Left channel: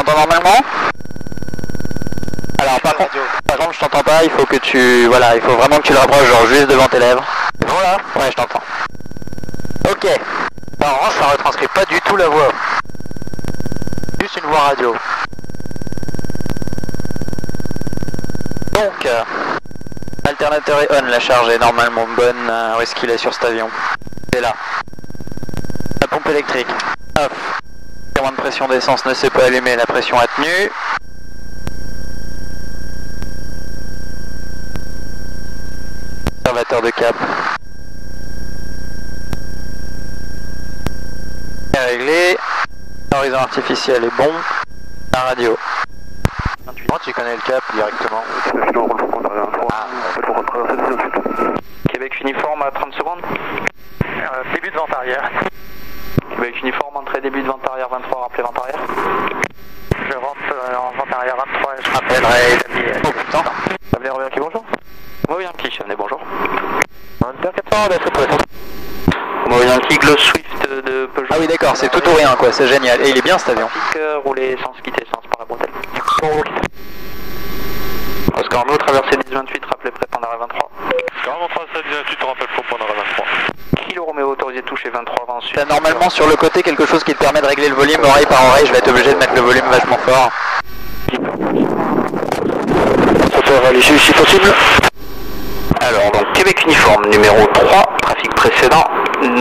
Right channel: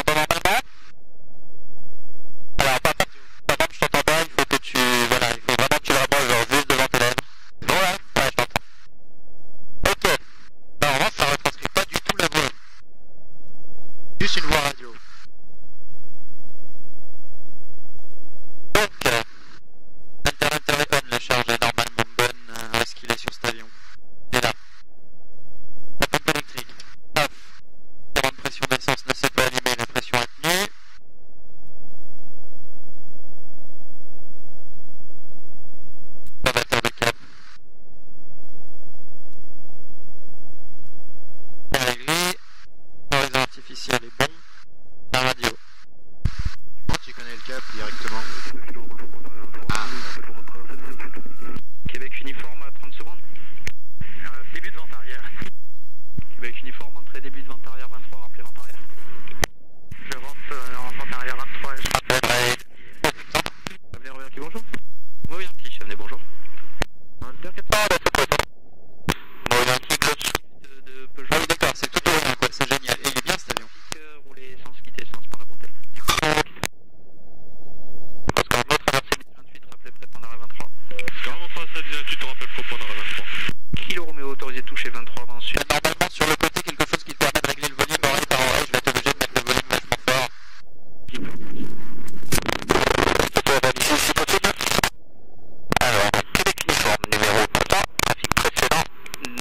m'entends normalement? Alors par contre, je t'entends pas, il faut que tu... Voilà, il faut vraiment que tu le rapproches genre juste devant tes lèvres. C'est bon là? Ouais, je t'entends. Ok. Bah, en revanche, ça retranscrit pas du tout la voix. Juste une voix radio. Donc, alternateur est on, la charge est normalement bonne. Où est-ce qu'il est sur cet avion? Il est là. La pompe électrique. Off. Le de pression d'essence ne s'est pas allumé, la pression a tenu. Observateur de cap. Est réglé. L'horizon artificiel est bon. La radio. Tu connais le cap directement. Québec uniforme à 30 secondes. Début de vente arrière. Québec uniforme, entrée début de vente arrière 23, rappelez vente arrière. Je rentre en vente arrière 23 et je rappellerai Damien. Oh putain. Damien Robert qui bonjour. Moi Yankee, Chevenet bonjour. Inter 400, d'assaut pour Moi Yankee, Glow Swift de Peugeot. Ah oui d'accord, c'est tout ou rien quoi, c'est génial. Et il est bien cet avion. Rouler sans se quitter, sans se par la bretelle. Oscar Romeo, traversée 1028, rappelez prêt Pandara 23. Oscar Romeo, traversée 1028, rappelle pour Pandara 23. Kilo Romeo, autorisé toucher 23 avant ensuite. T'as normalement sur le côté quelque chose qui te permet de régler le volume oreille par oreille, je vais être obligé de mettre le volume vachement fort. Ça peut aller si possible. Alors donc Québec uniforme numéro 3, trafic précédent,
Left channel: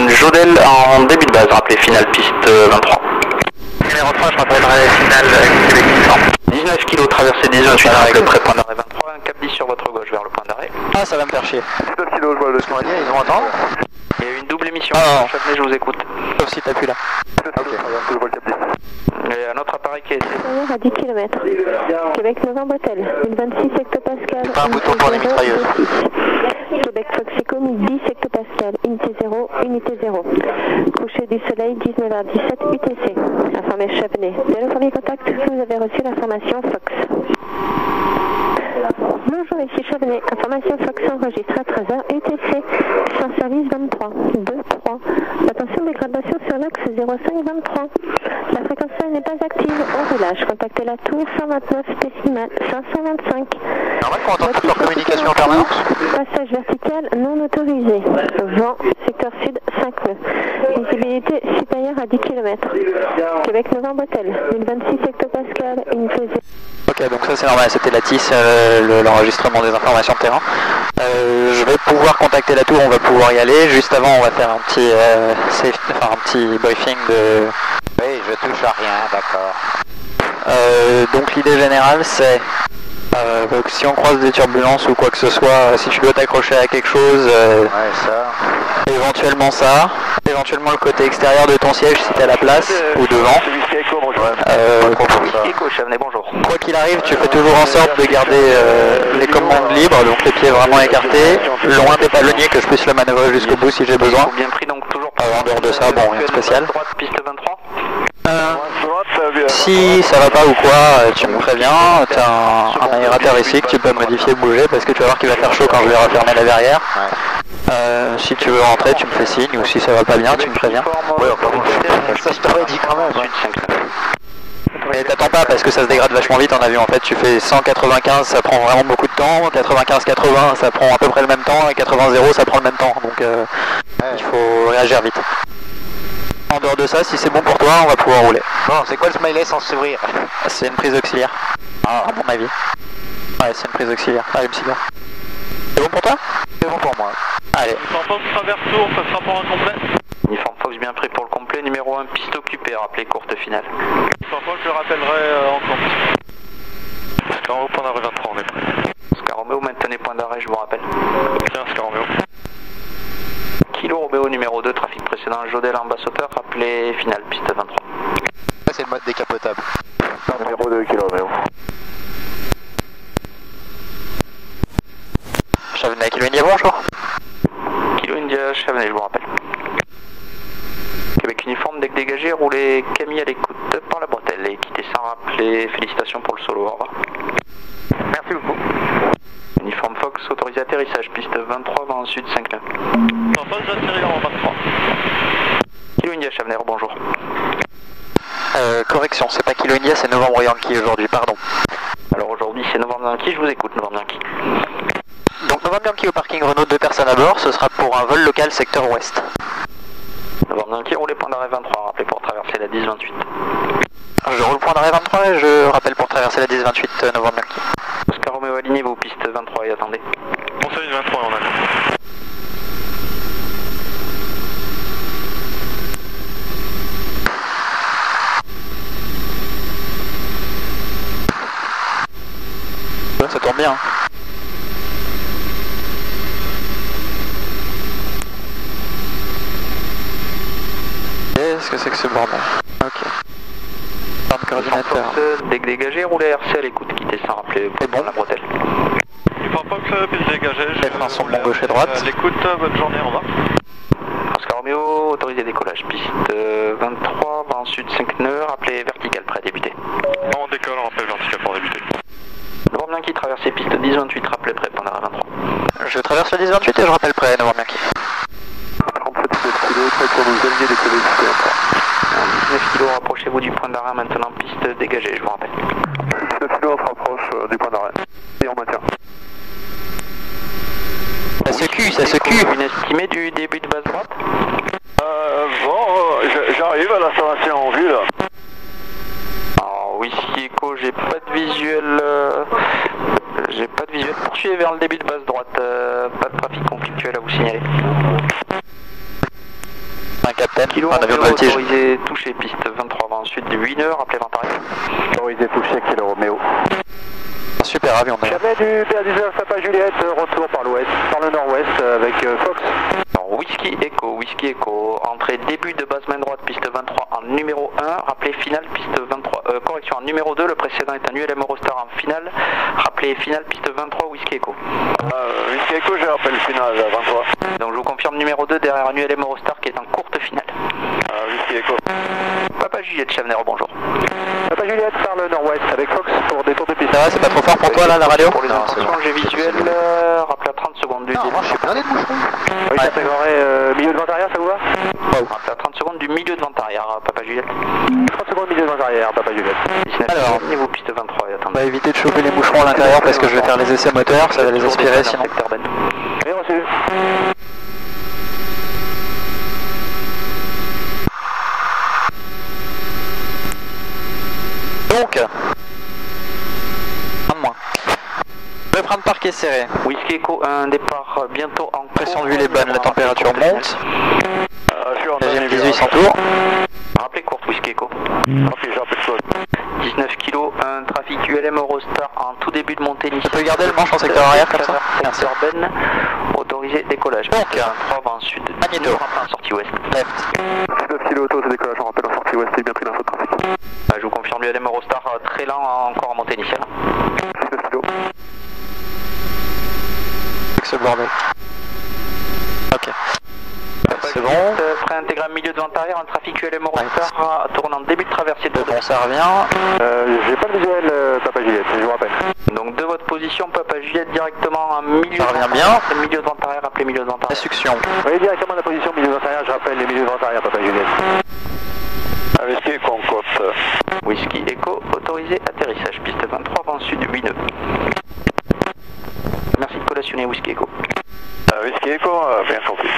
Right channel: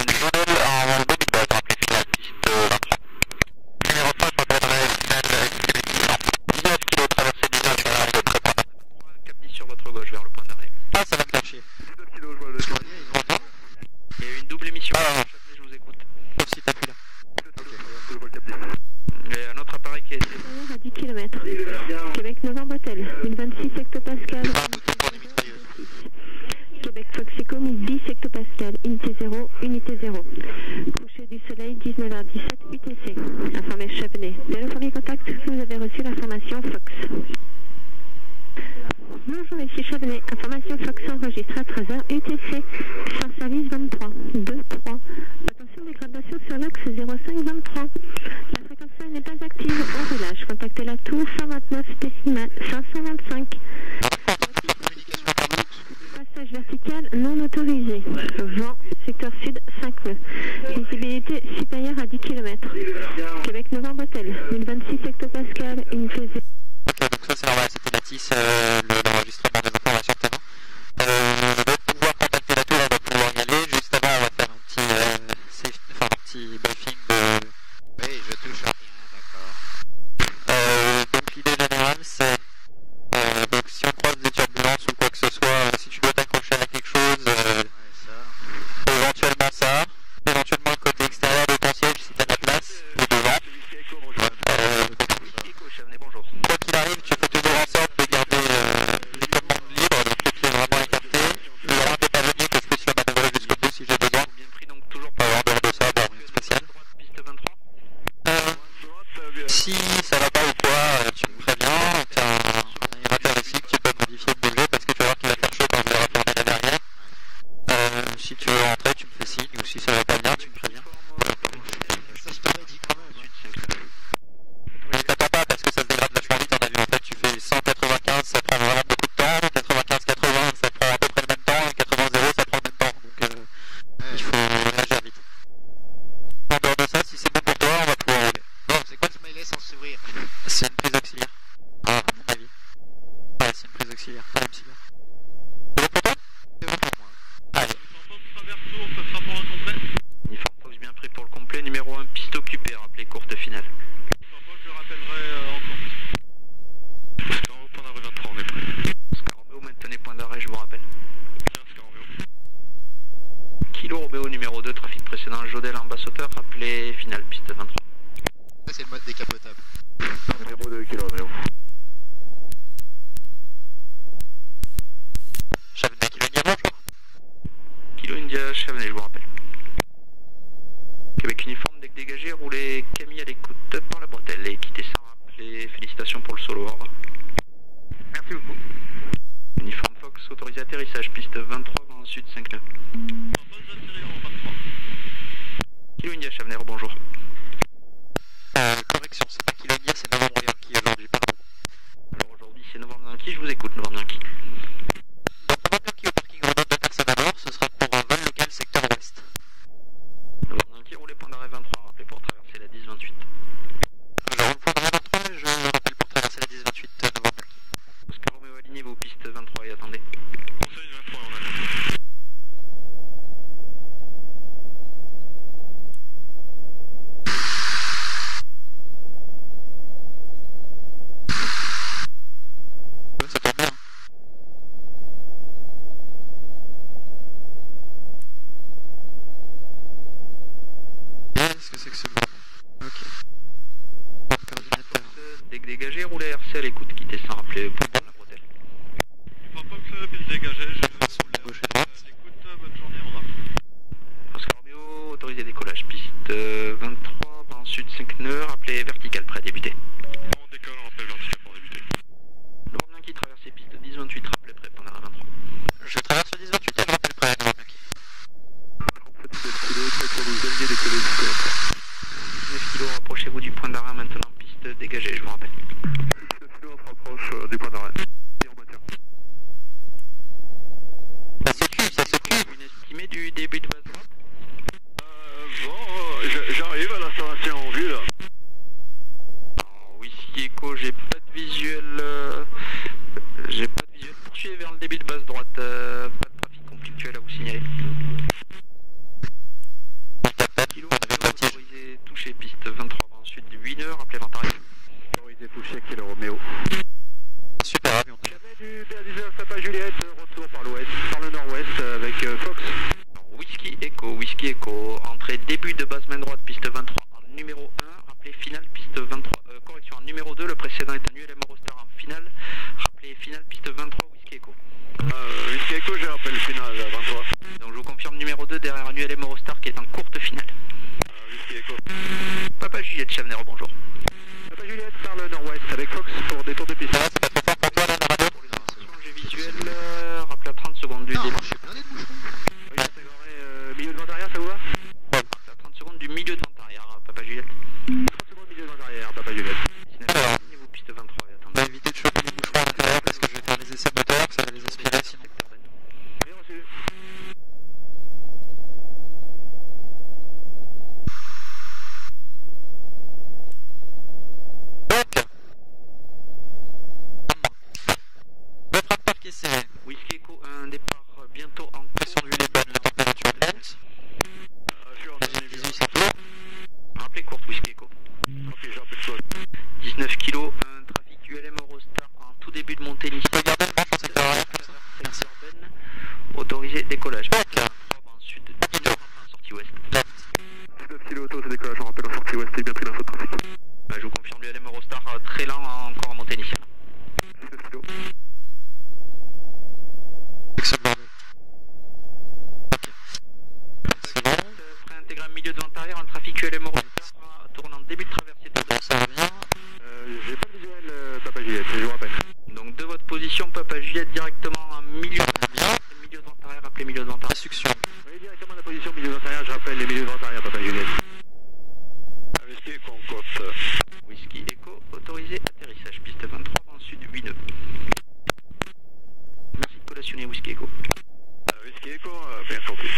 Jodel en début de base, rappelez finale piste 23. Numéro 3, je rappellerai finale Québec uniforme. 19 kg traversée 18, rappelez près point d'arrêt 23, un cap 10 sur votre gauche vers le point d'arrêt. Ah ça va me faire chier. 19 kg, je vois le son Ils vont entendre. Il y a eu une double émission, Châtelet, je vous écoute. Sauf si t'appuies là. Ok, je vois le cap 10. Il y a un autre appareil qui est... À 10 km. Québec Novembre Hôtel, 1026 hectopascal. Pas un bouton pour les mitrailleuses. Québec Foxeco, 1010 hectopascal, unité 0, unité 0. Coucher du soleil, 19h17, UTC. Informé Chevenet. Dès le premier contact, vous avez reçu l'information Fox. Bonjour, ici Chevenet. Information Fox enregistrée à 13h, UTC. Sans service 23, 2, 3. Attention, dégradation sur l'axe 05 23. La fréquence n'est pas active. En roulage, contactez la tour 129 décimales 525. Normal qu'on entende toute leur communication en permanence. Passage vertical non autorisé. Vent, secteur sud 5 nœuds. Visibilité supérieure à 10 km. Québec Novembre Hôtel, 1026 hectopascal, unité 0. Ok, donc ça c'est normal, c'était la TIS, l'enregistrement des informations de terrain. Je vais pouvoir contacter la tour, on va pouvoir y aller. Juste avant, on va faire un petit, un petit briefing de... Oui, je touche à rien, d'accord. Donc l'idée générale c'est... que si on croise des turbulences ou quoi que ce soit, si tu dois t'accrocher à quelque chose, Ouais, ça. éventuellement ça, éventuellement le côté extérieur de ton siège si t'as la place, ou devant. Bonjour. Quoi qu'il arrive, tu fais toujours en sorte de garder les commandes libres, donc les pieds vraiment écartés, loin des palonniers que je puisse le manœuvrer jusqu'au bout si j'ai besoin. Bien pris, donc toujours En dehors de ça, bon, rien de spécial. Droite, piste 23. Si ça va pas ou quoi, tu me préviens, t'as un aérateur ici que tu peux modifier, bouger, parce que tu vas voir qu'il va faire chaud quand je vais refermer la verrière. Si tu veux rentrer, tu me fais signe, ou si ça va pas bien, tu me préviens. Ouais, enfin bon, ça je t'aurais dit quand même. Mais t'attends pas parce que ça se dégrade vachement vite en avion. En fait, tu fais 195, ça prend vraiment beaucoup de temps. 95-80, ça prend à peu près le même temps. Et 80-0, ça prend le même temps. Donc il faut réagir vite. En dehors de ça, si c'est bon pour toi, on va pouvoir rouler. Bon, c'est quoi le smiley sans sourire? C'est une prise auxiliaire. À mon avis. Ouais, c'est une prise auxiliaire. Allume cigare. C'est bon pour toi? C'est bon pour moi. Allez. Fox traverse tour, ça sera pour un complet. Uniforme Fox bien pris pour le complet, numéro 1, piste occupée, rappelez courte finale. Fox, je le rappellerai en compte. Oscar Romeo, point d'arrêt 23, on est prêt. Oscar Romeo, maintenez point d'arrêt, je vous rappelle. Tiens, Oscar Romeo. Kilo Romeo, numéro 2, trafic précédent, Jodel en basse hauteur, rappelez finale, piste 23. Ça c'est le mode décapotable. Numéro 2, Kilo Romeo. Chevenet, Kilo India, bonjour. Kilo India, Chevenet, je vous rappelle. Québec uniforme, deck dégagé, roulez Camille à l'écoute par la bretelle et quittez sans rappeler. Félicitations pour le solo, au revoir. Merci beaucoup. Uniforme Fox, autorisé atterrissage, piste 23, vent sud 5 nœuds. Fox, j'atterris en 23. Kilo India, Chevenet, bonjour. correction, c'est pas Kilo India, c'est Novembre Yankee aujourd'hui, pardon. Alors aujourd'hui c'est Novembre Yankee, je vous écoute Novembre Yankee. Donc Novembre Yankee au parking Renault, 2 personnes à bord, ce sera pour un vol local secteur ouest. Novembre Yankee, roulez point d'arrêt 23, rappelez pour traverser la 10-28. Je roule point d'arrêt 23 et je rappelle pour traverser la 10-28 Novembre Yankee. Oscar Romeo, alignez-vous, piste 23 et attendez. On fait une 23, on a. Ça tourne bien. Qu'est-ce que c'est que ce bordel? Ok. Plan de coordinateur. Dégagé, roulez RC à l'écoute, quittez sans rappeler C'est bon. la bretelle. Il faut pas que piste dégagée. Les freins sont bons gauche et droite. L'écoute, bonne journée, au revoir. Oscar Romeo, autorisé décollage, piste 23, vent sud 5 nœuds, rappelez vertical prêt à débuter. On décolle, on rappelle vertical pour débuter. Novembre Yankee, traversée piste 10-28, rappelez prêt, point d'arrêt 23. Je traverse la 10-28 et je rappelle prêt, Novembre Yankee. 37 kg, prêt pour nous aligner décoller piste 23. 19 kg, rapprochez-vous du point d'arrêt, maintenant piste dégagée, je vous rappelle. 19 kg, on se rapproche du point d'arrêt. Et on maintient. Ça se cue, ça se cue. Une estimée du début de base droite? Bon, j'arrive à l'installation en vue là. Alors, Whisky Echo, j'ai pas de visuel. Poursuivez vers le début de base droite. Pas de trafic conflictuel à vous signaler. Un capitaine, Kilo un avion de voltige. autorisé toucher piste 23 vent sud de 8 heures, rappelez vent arrière. Autorisé touché, Kilo Romeo. Un super avion d'ailleurs. Jamais du PA19 Papa Juliette, retour par l'ouest, par le nord-ouest avec Fox. Alors, Whisky Echo, entrée début de base main droite, piste 23 en numéro 1, rappelez finale piste 23, correction en numéro 2, le précédent est un ULM Eurostar en finale, rappelez finale piste 23 Whisky Echo. Whisky Echo, j'ai rappel final, 23. Donc je vous confirme numéro 2 derrière un ULM Eurostar qui est en courte finale. Whisky Echo. Papa Juliette Chavenero, bonjour. Papa Juliette par le nord-ouest avec Fox pour détour de piste. Ça va, c'est pas trop fort pour toi là la radio? Pour les intentions, j'ai visuel, rappelez à 30 secondes du Non, début. moi je suis blindé de bouchons. Oui, Ouais. j'intégrerai milieu de vent arrière, ça vous va? Rappelez à 30 secondes du milieu de vent arrière, Papa Juliette. 30 secondes milieu de vent arrière, Papa Juliette. 19 Alors. niveau piste 23 et On attendez. va éviter de chauffer les bouchons à l'intérieur parce que je vais faire les essais moteurs, ça va les aspirer sinon. Bien reçu. Donc, un de moins. Le frein de parc est serré. Whisky Echo, un départ bientôt en Pression d'huile est bonne, la température monte. Je suis en Deuxième 1800 tours. Rappelez courte Whisky Echo. Ok, j'ai rappelé quoi. 19 kg, un trafic ULM Eurostar en tout début de montée initiale. Tu peux garder le manche en secteur arrière comme ça? Merci. Urbaine, autorisé décollage. Donc, 3 vent sud. Magnéto. En sortie ouest. Left. 19 kg auto, c'est décollage, on rappelle en sortie ouest, c'est bien pris l'info de trafic. Je vous confirme l'ULM Eurostar très lent encore en montée initiale. 19 kg. Avec ce bordel. Ok. C'est bon. Prêt intégré milieu de vent arrière, un trafic ULM Eurostar tourne en début de traversée de Bon, ça revient. J'ai pas de visuel, Papa Juliette, je vous rappelle. Donc de votre position, Papa Juliette directement en milieu Ça de revient vent bien. arrière, milieu de vent arrière, appelez milieu de vent La arrière. succion. Oui, directement la position milieu de vent arrière, je rappelle les milieux de vent arrière, Papa Juliette. Whisky Echo, on cote. Whisky Echo, autorisé atterrissage, piste 23, vent sud 8 nœuds. Merci de collationner Whisky Echo. Whisky Echo, bien compris.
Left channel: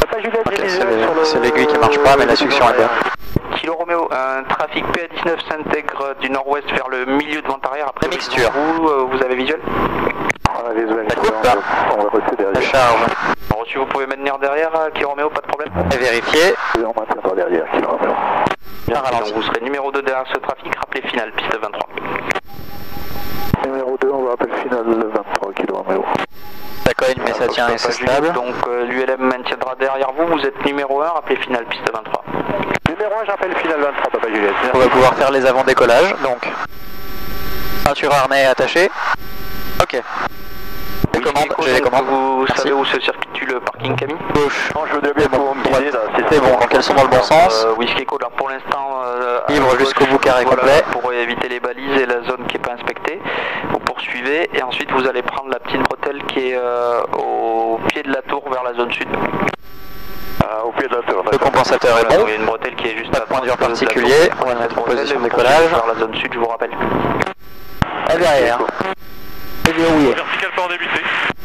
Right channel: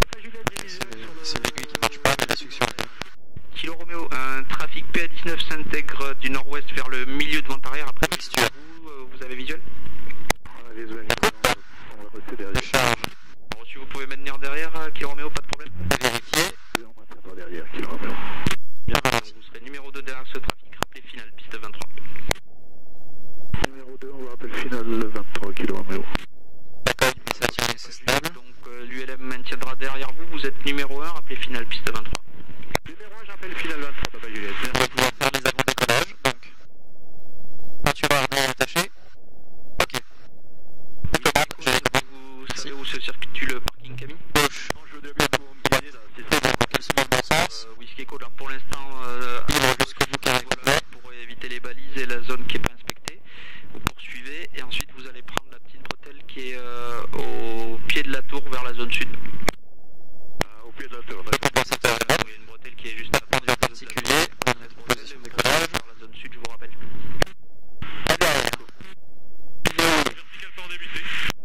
Papa Juliette, Ok, j'ai visuel sur le... c'est l'aiguille qui marche pas, mais la succion est bien. Kilo Romeo, un trafic PA19 s'intègre du nord-ouest vers le milieu de vent arrière. Après La mixture. vous avez visuel? On a visuel, La coupe. on va reçu La derrière. charge Reçu, vous pouvez maintenir derrière, Kilo Romeo, pas de problème. est vérifiée. Et on maintient par derrière, Kilo Romeo. Bien Donc ralenti. vous serez numéro 2 derrière ce trafic, rappelez finale, piste 23. Numéro 2, on va appeler final 23, Kilo Romeo. Ça cogne, mais ça tient et c'est stable. Donc l'ULM maintiendra derrière vous, vous êtes numéro 1, rappelez finale, piste 23. Numéro 1, j'appelle final 23, Papa Juliette. On va pouvoir faire les avant-décollages, donc ceinture harnais attachée. Ok. Les commandes, j'ai les commandes. Vous Merci. savez où se situe le parking Camille? Gauche. Non, je veux bien pour me guider là. C'est bon, donc elles sont dans le bon sens. Whisky Echo, là pour l'instant. Libre jusqu'au bout carré complet. Pour éviter les balises et la zone qui n'est pas inspectée. Vous poursuivez et ensuite vous allez prendre la petite bretelle qui est au pied de la tour vers la zone sud. Au pied de la tour. Le compensateur. compensateur est bon. Il y a une bretelle qui est juste Pas de point de vue en particulier. On va mettre en position de décollage. Vers la zone sud, je vous rappelle. À derrière. C'est verrouillé. Vertical port débuté.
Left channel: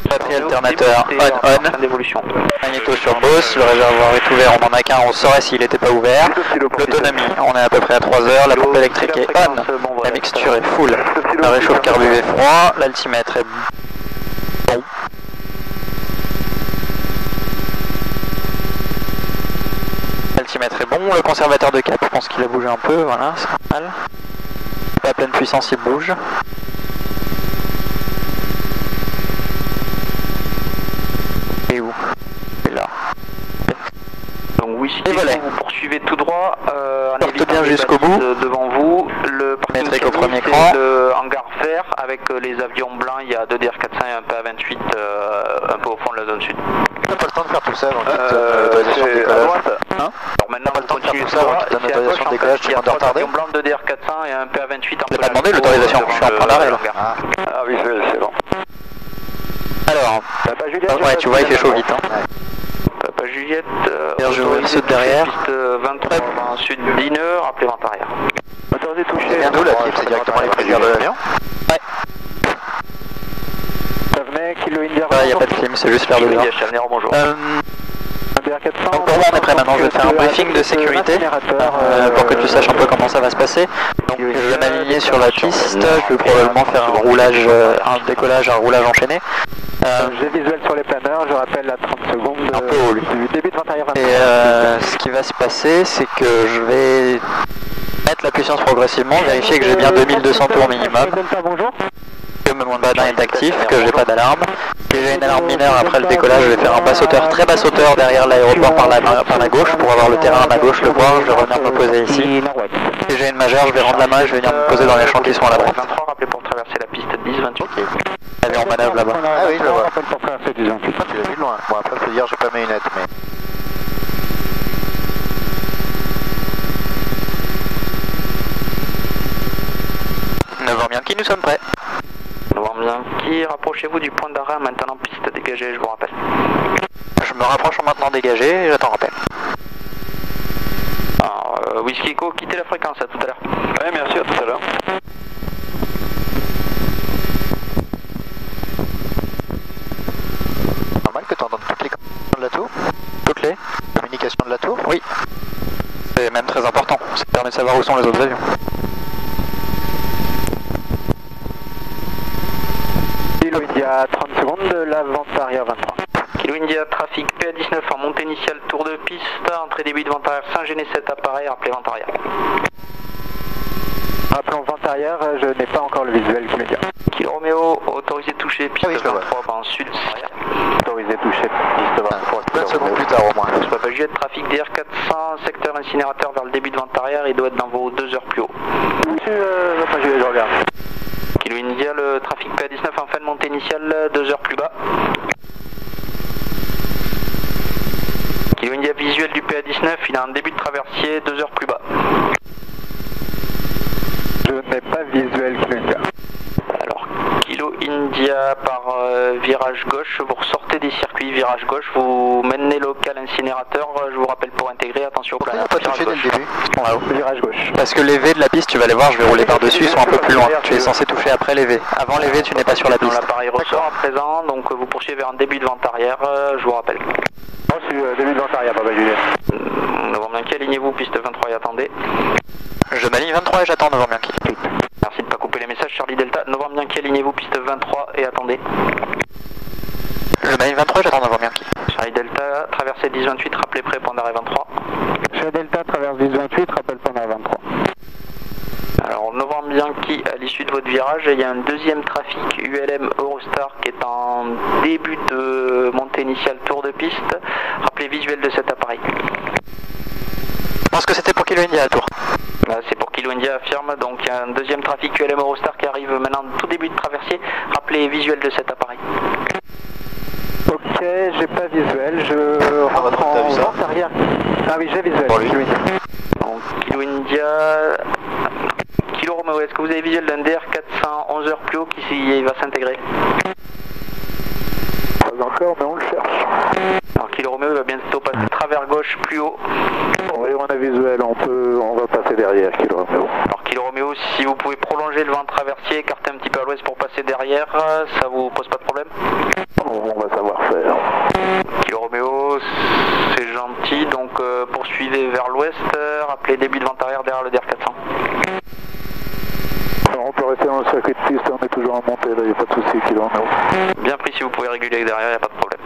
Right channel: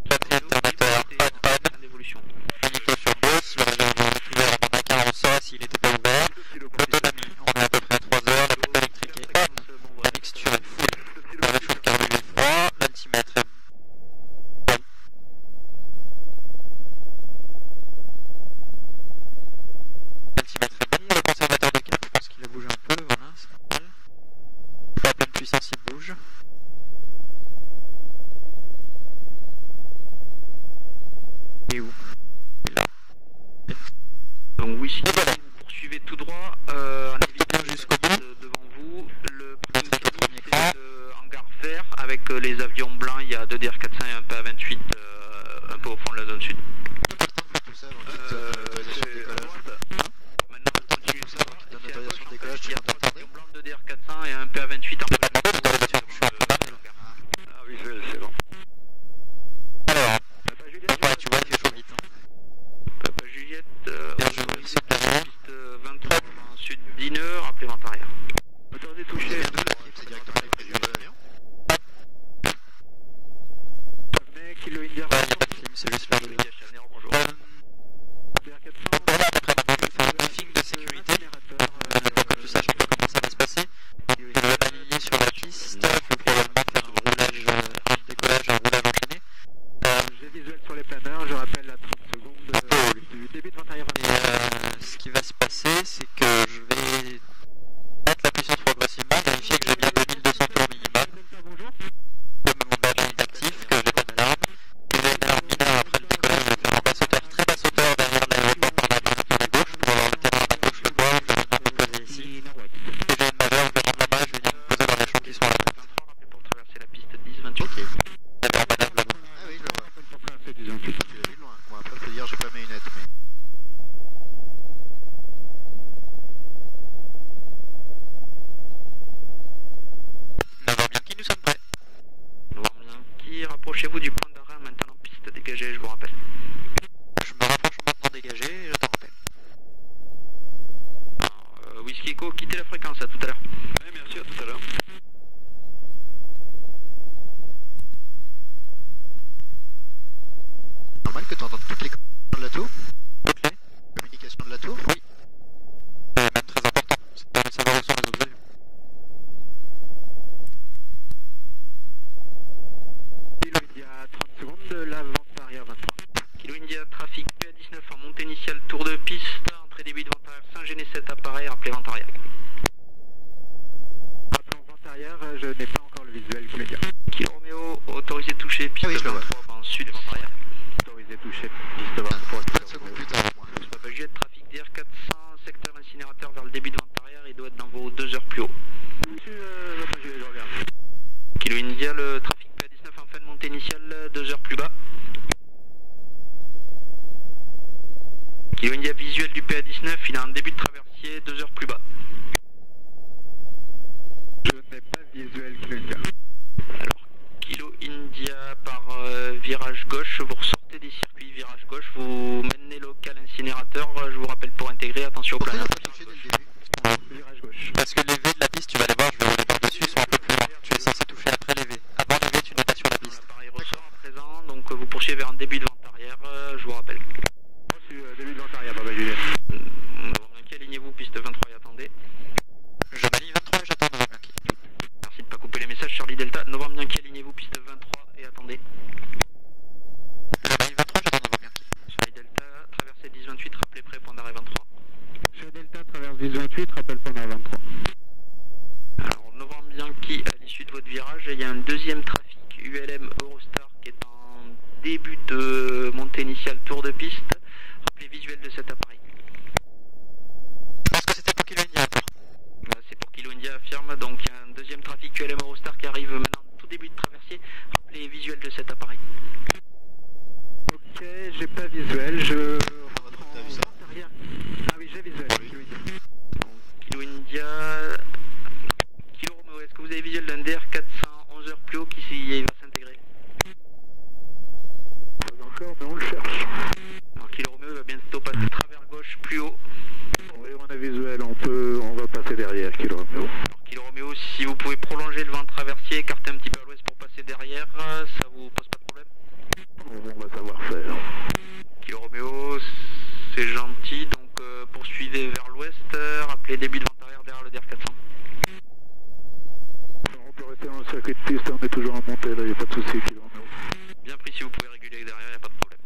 Batterie alternateur on. D'évolution. Magnéto sur Boss, le réservoir est ouvert, on en a qu'un, on saurait s'il n'était pas ouvert. L'autonomie, on est à peu près à 3 heures, la pompe électrique est on, la mixture est full, le réchauffe carbu est froid, l'altimètre est bon. L'altimètre est bon, le conservateur de cap, je pense qu'il a bougé un peu, voilà, c'est normal. À pleine puissance, il bouge. Et où? Et là. Donc Whisky, vous poursuivez tout droit, porte bien jusqu'au bout. Devant vous, le métrique au premier cran. Le hangar vert avec les avions blancs, il y a 2 DR400 et un PA28 un peu au fond de la zone sud. On n'a pas le temps de faire tout ça avant c'est à droite. Hein? Alors maintenant, on va continuer tout ça avant qu'il donne l'autorisation de décollage, tu il y a vas 3 avions blancs, 2 DR400 et un PA28 en Je n'ai pas demandé l'autorisation, je suis en train d'arrêt là. Ah oui, c'est bon. Alors, ouais, tu vois, il fait chaud vite. Hein. Papa Juliette, Bien joué, il saute derrière. Piste 23 en sud d'Ine, rappelez vent arrière. Autorisé touché. C'est bien d'où la type, c'est directement les prisonniers de l'avion. Ouais. Ça venait, Kilo India. Ouais, il n'y a pas de clim, c'est juste l'air de l'air. Bonjour. Donc pour moi on est prêt maintenant, je vais te faire un briefing de sécurité pour que tu saches un peu comment ça va se passer. Donc je vais m'aligner sur la piste, je vais probablement faire un roulage, un décollage, un roulage enchaîné. J'ai visuel sur les planeurs, je rappelle à 30 secondes un peu haut lui. Du début de 21h. Et ce qui va se passer, c'est que je vais mettre la puissance progressivement, vérifier que j'ai bien 2200 tours minimum. Bonjour. Que mon badin est actif, que j'ai pas d'alarme. Si j'ai une alarme mineure après le décollage, je vais faire un bas sauteur, très bas sauteur derrière l'aéroport par la gauche pour avoir le terrain à ma gauche, le voir, je vais revenir me poser ici. Si j'ai une majeure, je vais rendre la main, je vais venir me poser dans les champs qui sont à la droite. 23, rappelez pour traverser la piste 10-28. Avion en manœuvre là-bas. Ah oui, je le vois. Tu l'as vu de loin. Bon, après, faut dire, j'ai pas mes lunettes, mais... Bianchi, nous sommes prêts. Bianchi, rapprochez-vous du point d'arrêt maintenant piste dégagée, je vous rappelle. Je me rapproche en maintenant dégagé et j'attends rappel. Alors, Whisky Echo, quittez la fréquence, à tout à l'heure. Ouais, merci, à tout à l'heure. Normal que tu entendes toutes les communications de la tour. Toutes les communications de la tour? Oui. C'est même très important, ça permet de savoir où sont les autres avions. Kilo India, 30 secondes de l'avant arrière 23. Kilo India, trafic PA19 en montée initiale, tour de piste, entrée début de vent arrière, Saint-Géné 7 appareil, rappelez vent arrière. Rappelons vent arrière, je n'ai pas encore le visuel immédiat. Kilo Roméo, autorisé toucher, piste 23 en sud. Autorisé toucher, piste 23. 20 secondes plus tard au moins. Papa Juliette, trafic DR400, secteur incinérateur vers le début de vent arrière, il doit être dans vos 2 heures plus haut. Papa Juliette, je regarde. Kilo India, le trafic PA19 en fin de montée initiale, 2 heures plus bas. Kilo India, visuel du PA19, il a un début de traversier, 2 heures plus bas. Je n'ai pas visuel Kilo India. Alors, Kilo India par virage gauche, vous ressortez des circuits virage gauche, vous menez local incinérateur, je vous rappelle pour intégrer, attention au planeur. Pourquoi pas touché dès le début? Virage gauche. Parce que les V de la piste, tu vas les voir, je vais rouler par-dessus, ils sont un peu plus loin. Tu es censé toucher après les V. Avant les V, tu n'es pas sur la piste. L'appareil ressort à présent, donc vous poursuivez vers un début de vent arrière, je vous rappelle. Moi, je suis début de vent arrière, Papa Juliette. Novembre Bianchi, alignez-vous, piste 23 et attendez. Je m'aligne 23 et j'attends Novembre Bianchi. Merci de ne pas couper les messages, Charlie Delta. Novembre Bianchi, alignez-vous, piste 23 et attendez. Je m'aligne 23 et j'attends Novembre Bianchi. Charlie Delta, traversée 10-28, rappelez prêt, point d'arrêt 23. Charlie Delta, traverse 10-28, rappelle point d'arrêt 23. Alors, Novembre Bianchi, à l'issue de votre virage, il y a un deuxième trafic ULM Eurostar qui est en début de montée initiale tour de piste. Rappelez visuel de cet appareil. Je pense que c'était pour Kilo India à tour. C'est pour Kilo India, affirme. Donc il y a un deuxième trafic ULM Eurostar qui arrive maintenant tout début de traversier. Rappelez visuel de cet appareil. Ok, j'ai pas visuel, je rentre en vente arrière. Ah oui, j'ai visuel. Pour lui. Donc Kilo India... Kilo Romeo, est-ce que vous avez visuel d'un DR400 11 heures plus haut qui va s'intégrer? Pas encore, mais on le cherche. Alors Kilo Romeo va bientôt passer travers gauche gauche plus haut. Oui, on a visuel, on va passer derrière Kilo Romeo. Alors Kilo Romeo, si vous pouvez prolonger le vent traversier, écarter un petit peu à l'ouest pour passer derrière, ça vous pose pas de problème? On va savoir faire. Kilo Romeo, c'est gentil, donc poursuivez vers l'ouest, rappelez début de vent arrière derrière le DR400. Alors, on peut rester dans le circuit de piste, on est toujours en montée, là, il n'y a pas de souci, Kilo Romeo. Bien pris, si vous pouvez réguler derrière, il n'y a pas de problème.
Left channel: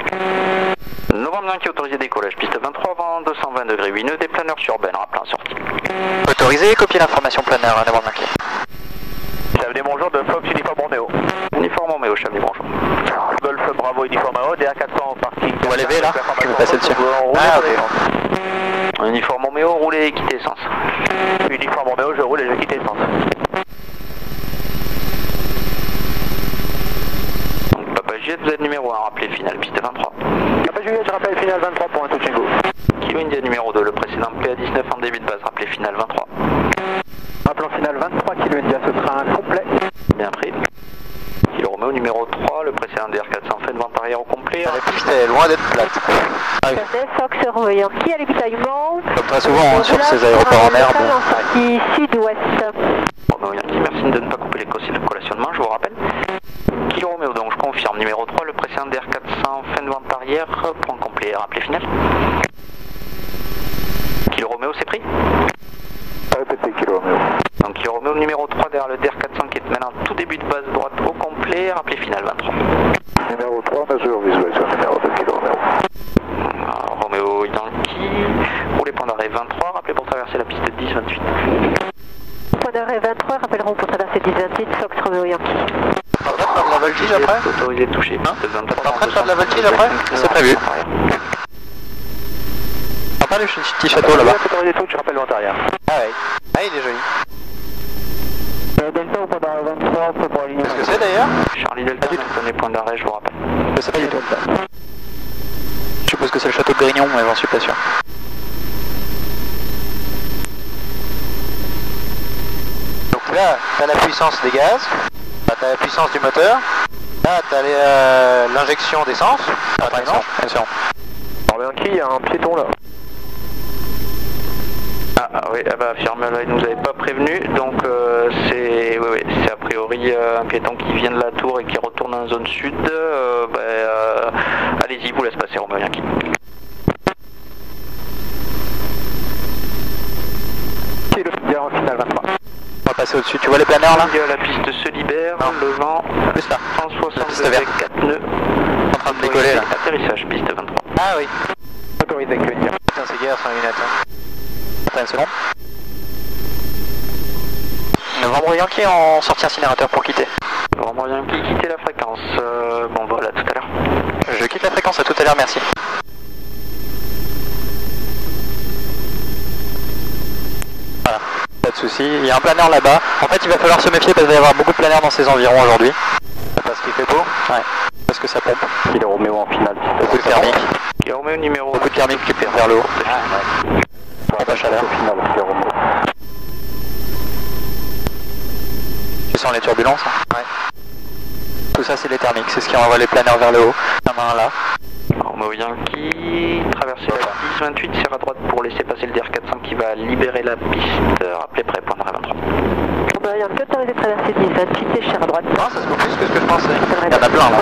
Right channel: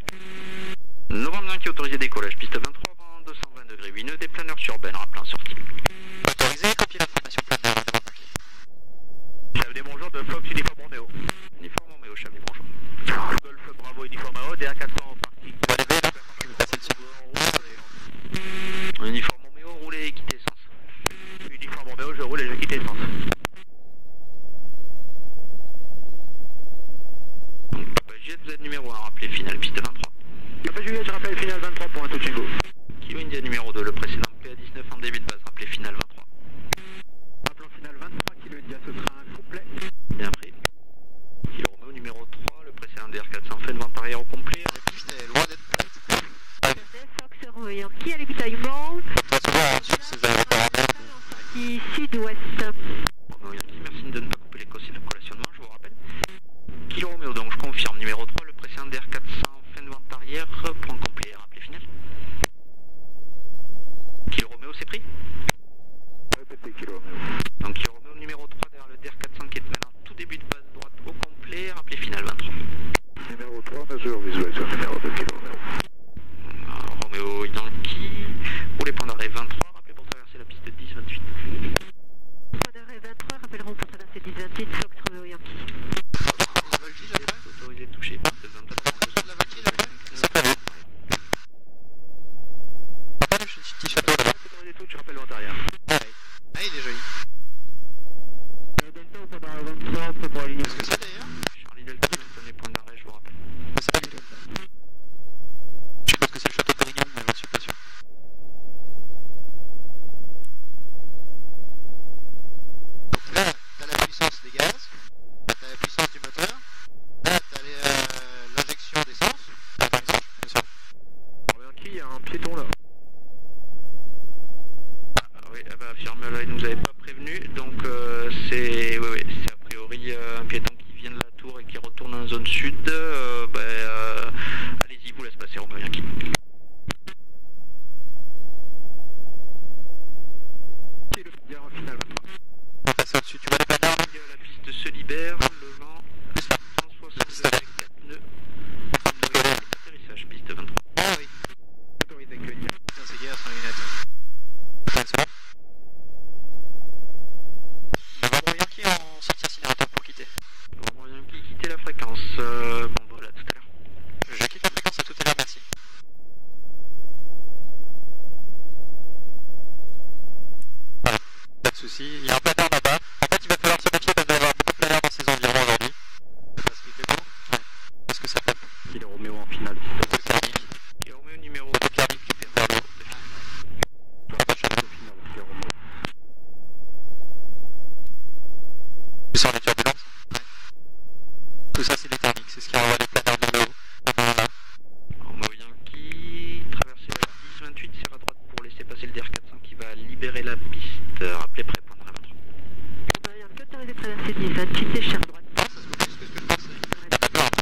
Novembre Yankee autorisé décollage, piste 23, vent 220 degrés, 8 nœuds, des planeurs sur Ben, rappelez en sortie. Autorisé, copier l'information planeur, Novembre Yankee. Chavalier, bonjour, de Fox Uniforme Romeo. Uniforme Romeo, Chavalier, bonjour. Golf Bravo Uniforme Romeo, DR400 au parking. On va lever là, je vais passer dessus. Ah, ok. Uniforme Romeo, roulez et quittez essence. Uniforme Romeo, je roule et je quitte essence. Papa Juliette, vous êtes numéro 1, rappelez finale piste 23. Papa Juliette, je rappelle finale 23 pour un touch and go. Kilo India numéro 2, le précédent PA19 en début de base, rappelez finale 23. Rappelons finale 23, Kilo India, ce sera un complet. Bien pris. Kilo Romeo numéro 3, le précédent DR400 fait de vent arrière au complet. La piste est loin d'être plate. Ah oui. Fox Romeo Yankee à l'ébutaillement. Comme très souvent sur ces aéroports en herbe. En sortie sud-ouest. Romeo Yankee, merci de ne pas couper les collationnements, je vous rappelle. Kilo Romeo, donc je confirme, numéro 3, le précédent DR400 fin de vent arrière, point complet, rappelez final. Kilo Romeo, c'est pris? Répétez Kilo Romeo. Donc Kilo Romeo numéro 3 derrière le DR400 qui est maintenant tout début de base droite au complet, rappelez final 23. Numéro 3, mesure visuelle sur le numéro 2 Kilo Romeo. Romeo Yankee, roulez point d'arrêt 23, rappelez pour traverser la piste 10-28. Point d'arrêt 23, rappelleront pour traverser 10-28, Fox Romeo Yankee. On va faire de la voltige après? Autorisé de toucher. Hein? T'es en train de faire de la voltige après? C'est prévu. Pas le petit château là-bas. Autorisé de touche, je rappelle le vent arrière. Ah ouais. Ah il est joli. Delta ou point d'arrêt 23, prêt pour aligner. Qu'est-ce que c'est d'ailleurs? Charlie Delta, maintenez point d'arrêt, je vous rappelle. Je sais pas du tout. Je suppose que c'est le château de Grignon, mais j'en suis pas sûr. Donc là, t'as la puissance des gaz, t'as la puissance du moteur, là t'as l'injection d'essence, par exemple. Attention. Il y a un piéton là. Ah oui, ah bah Firmel, il nous avait pas prévenu, donc c'est a priori un piéton qui vient de la tour et qui retourne en zone sud. Allez-y, vous laisse passer Romeo Yankee. Qui est le filière en finale 23. On va passer au-dessus, tu vois les planeurs là? La piste se libère, non. Le vent, plus là. 160 degrés, 4 nœuds. En train de décoller là. Atterrissage, piste 23. Ah oui. Autorisé que dire. Putain, c'est guerre sans lunettes. Attends une seconde. Novembre Yankee en sortie incinérateur pour quitter. Novembre Yankee, quitter la fréquence. Bon vol, à tout à l'heure. Je quitte la fréquence, à tout à l'heure, merci. Voilà, pas de soucis. Il y a un planeur là-bas. En fait, il va falloir se méfier parce qu'il va y avoir beaucoup de planeurs dans ces environs aujourd'hui. Parce qu'il fait beau? Ouais. Parce que ça pompe. Il est Roméo en finale. Beaucoup de thermique. Qui est Roméo numéro beaucoup de thermique qui perd vers le haut. Ah, ouais. Pas chaleur. Finale, c'est Roméo. Tu sens les turbulences? Ouais. Tout ça, c'est les thermiques. C'est ce qui envoie les planeurs vers le haut. Il y en a un là. Romeo Yankee, traverser la 10-28, serre à droite pour laisser passer le DR400 qui va libérer la piste. Rappelez prêt, point d'arrêt 23. Romeo Yankee autorisé de traverser 10-28 et serre à droite. Non, ça se fait plus que ce que je pensais. Il y en a plein là.